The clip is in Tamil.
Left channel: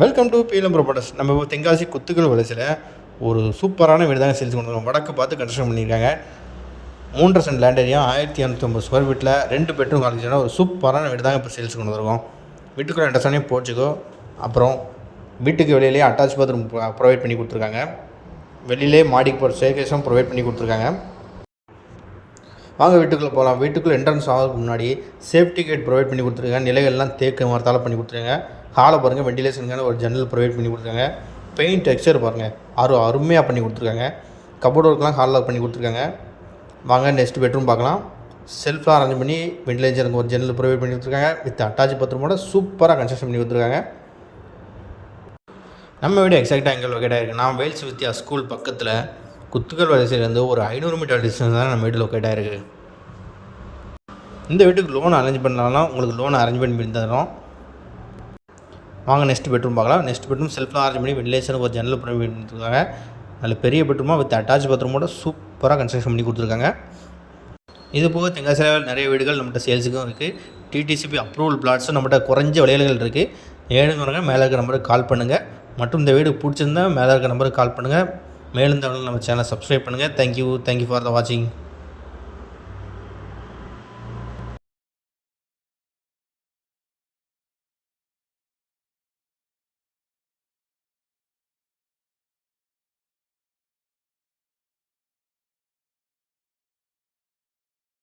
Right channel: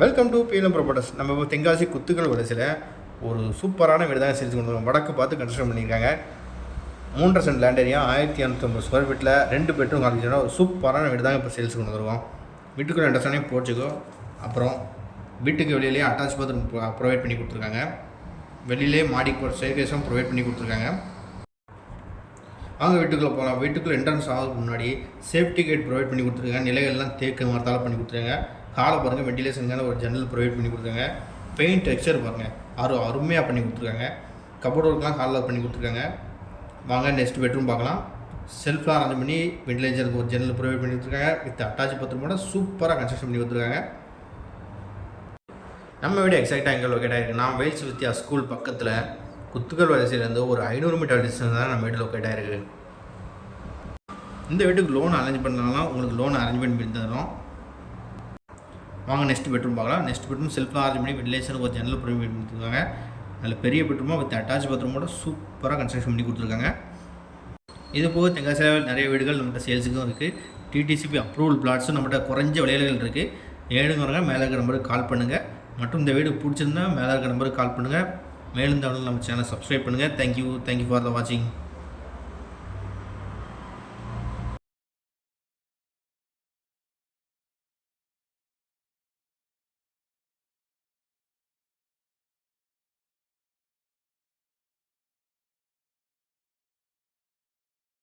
வெல்கம் டு பீலம் ப்ராப்பர்ட்டிஸ் நம்ம இப்போ தென்காசி குத்துக்கள் வலசில் ஒரு சூப்பரான வீடு தாங்க சேல்ஸ் கொண்டு வடக்கு பார்த்து கன்ஸ்ட்ரக்ஷன் பண்ணியிருக்காங்க. மூன்றரை சென்ட் லேண்ட் ஏரியா ஆயிரத்தி இரநூத்தொம்பது ஸ்கொயர் ஃபீட்டில் ரெண்டு பெட்ரூம் காலேஜ்னா ஒரு சூப்பரான வீடு தாங்க இப்போ சேல்ஸ் கொண்டு வருவோம் வீட்டுக்குள்ளே இண்டஸ்டானே போச்சுக்கோ அப்புறம் வீட்டுக்கு வெளியிலே அட்டாச் பாத்ரூம் ப்ரொவைட் பண்ணி கொடுத்துருக்காங்க. வெளியிலே மாடி போகிற ஸ்டேகேஸும் ப்ரொவைட் பண்ணி கொடுத்துருக்காங்க. வாங்க வீட்டுக்குள்ளே போகலாம் வீட்டுக்குள்ளே என்ட்ரன்ஸ் ஆகிறதுக்கு முன்னாடி சேஃப்டி கேட் ப்ரொவைட் பண்ணி கொடுத்துருக்காங்க. நிலைகள்லாம் தேக்கு மரத்தால் பண்ணி கொடுத்துருக்காங்க. ஹாலை பாருங்கள் வெண்டிலேஷனுக்கான ஒரு ஜன்னல் ப்ரொவைட் பண்ணி கொடுத்துருக்காங்க. பெயிண்ட் டெக்ஸ்சர் பாருங்கள் அரு அருமையாக பண்ணி கொடுத்துருக்காங்க. கபோர்டு ஒர்க்லாம் ஹாலில் பண்ணி கொடுத்துருக்காங்க. வாங்க நெக்ஸ்ட் பெட்ரூம் பார்க்கலாம். செல்ஃபாக அரேஞ்ச் பண்ணி வெண்டிலேஷனுக்கு ஒரு ஜன்னல் ப்ரொவைட் பண்ணி கொடுத்துருக்காங்க. வித் அட்டாச் பத்ரூமோட சூப்பராக கன்ஸ்ட்ரக்ஷன் பண்ணி கொடுத்துருக்காங்க. நம்ம வீடு எக்ஸாக்டாக எங்கே லொக்கேட் ஆகிருக்கு நான் வேல்ஸ் வித்யா ஸ்கூல் பக்கத்தில் குத்துக்கல் வரிசையிலேருந்து ஒரு ஐநூறு மீட்டர் டிஸ்டன்ஸ் தான் நம்ம வீடு லொக்கேட் ஆகிருக்கு இந்த வீட்டுக்கு லோன் அரேஞ்ச் பண்ணாலும் உங்களுக்கு லோன் அரேஞ்ச் பண்ணி தரோம் வாங்க நெக்ஸ்ட் பெட்ரூம் பார்க்கலாம். நெக்ஸ்ட் பெட்ரூம் செல்ஃபில் அரேஞ்ச் பண்ணி வெண்டிலேஷன் ஒரு ஜன்னல் பண்ணி கொடுத்துருக்காங்க. நல்ல பெரிய பெட்ரூமாக வித் அட்டாச் பாத்ரூமோட சூப்பராக கன்ஸ்ட்ரக்ஷன் பண்ணி கொடுத்துருக்காங்க. இது போக தெங்காசியில் நிறைய வீடுகள் நம்மகிட்ட சேல்ஸுக்கும் இருக்குது டிடிசிபி அப்ரூவல் பிளாட்ஸும் நம்மகிட்ட குறைஞ்ச விலைகள் இருக்குது ஏழுங்க வரங்க மேலே இருக்கிற நம்பருக்கு கால் பண்ணுங்கள் மற்றும் இந்த வீடு பிடிச்சிருந்தா மேலே இருக்கிற நம்பருக்கு கால் பண்ணுங்கள் மேலும் தகவல் நம்ம சேனலை சப்ஸ்கிரைப் பண்ணுங்கள் தேங்க்யூ தேங்க்யூ ஃபார் த வாட்சிங்